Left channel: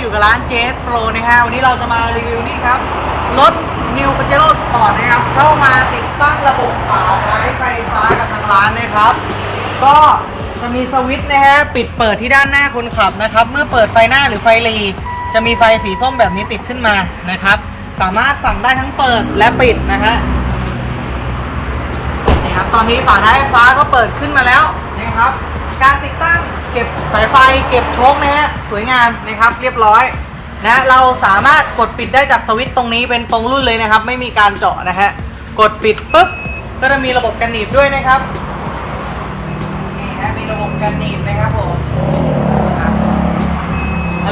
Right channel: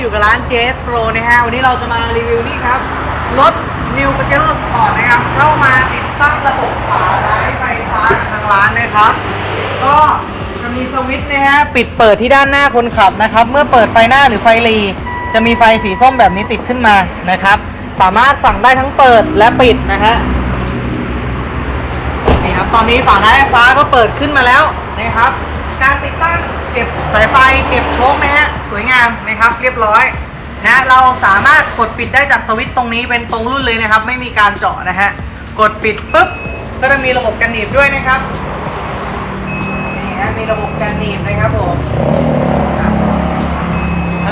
อยู่กับร้านเจสโปรนะฮะวันนี้เราจะมารีวิวนี่ครับ รถ New Pajero Sport นะครับ เข้ามาติดตั้งระบบฝาท้ายไฟฟ้ากับทางร้านนะครับ ก็จะมีสวิตช์นะฮะปิดเปิดที่ด้านหน้าคนขับนะครับ เมื่อเปิดไฟหน้าหรือไฟรี จะมีไฟสีส้มแบบนี้ติดขึ้นมานะครับ สามารถสั่งได้ทั้งเปิดและปิดนะฮะนี่ครับตอนนี้ฝาท้ายไฟฟ้าก็เปิดขึ้นมาแล้วนะครับ การติดตั้งเก็บสายไฟเก็บโชคนะฮะสวยงามนะครับ เรียบร้อยนะเราสามารถกดปิดได้จากสวิตช์ตรงนี้เป็นตรงรุ่นเลยนะครับ ไม่มีการเจาะนะฮะกดปิดปุ๊บก็จะมีระบบกันหนีบด้วยนะครับนี่ฮะมีระบบกันหนีบนะครับผม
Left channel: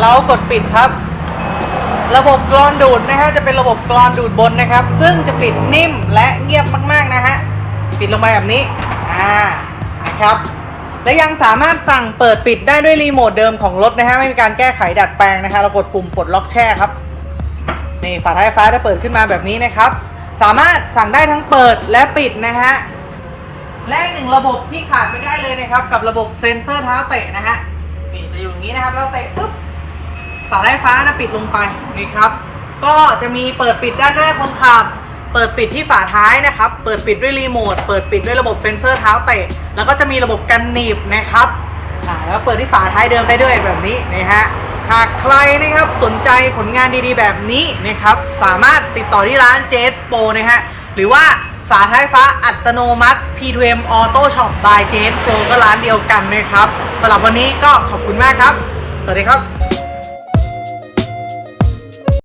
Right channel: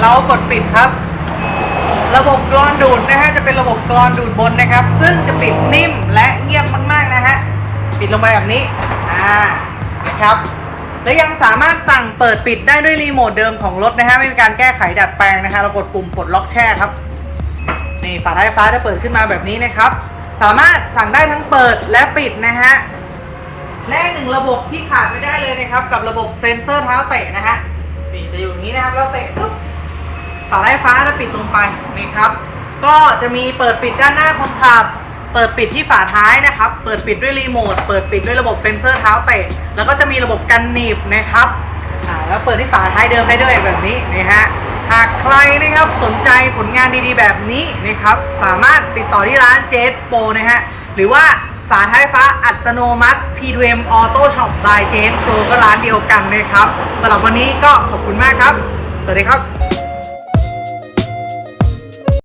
เราก็กดปิดครับ ระบบกรอนดูดนะฮะจะเป็นระบบกรอนดูดบนนะครับ ซึ่งจะปิดนิ่มและเงียบมากๆนะฮะปิดลงไปแบบนี้อ่านะครับ และยังสามารถสั่งเปิดปิดได้ด้วยรีโมทเดิมของรถนะฮะไม่มีการแก้ไขดัดแปลงนะคะเรากดปุ่มปลดล็อกแช่ครับนี่ฝาท้ายฟ้าจะเปิดขึ้นมาแบบนี้นะครับ สามารถสั่งได้ทั้งเปิดและปิดนะฮะและหนึ่งระบบที่ขาดไม่ได้เลยนะครับ กับระบบเซ็นเซอร์เท้าเตะนะฮะนี่จะอยู่อย่างนี้นะครับเราเตะปุ๊บฝาไฟฟ้าจะปิดลงไปนี่ครับ ก็จะมีเปิดปิดด้านหน้าคนขับ เปิดปิดที่ฝาท้ายนะครับ เปิดปิดด้วยรีโมท เปิดปิดด้วยระบบเฟนเซอร์เท้าเตะ แล้วก็จะมีระบบกันหนีบนะครับแล้วเปิดที่ฝาท้ายเดินไปด้วยแบบนี้นะฮะ หากใครนะครับสนใจผลงานดีๆแบบนี้นะครับ สามารถติดต่อที่ร้านเจสโปนะฮะ หรือว่าฝาท้ายฟ้าอัตโนมัติ P2M Auto Shop by j ก็ร้านเดียวกันนะครับสำหรับวันนี้ก็ขอบคุณมากครับ สวัสดีครับ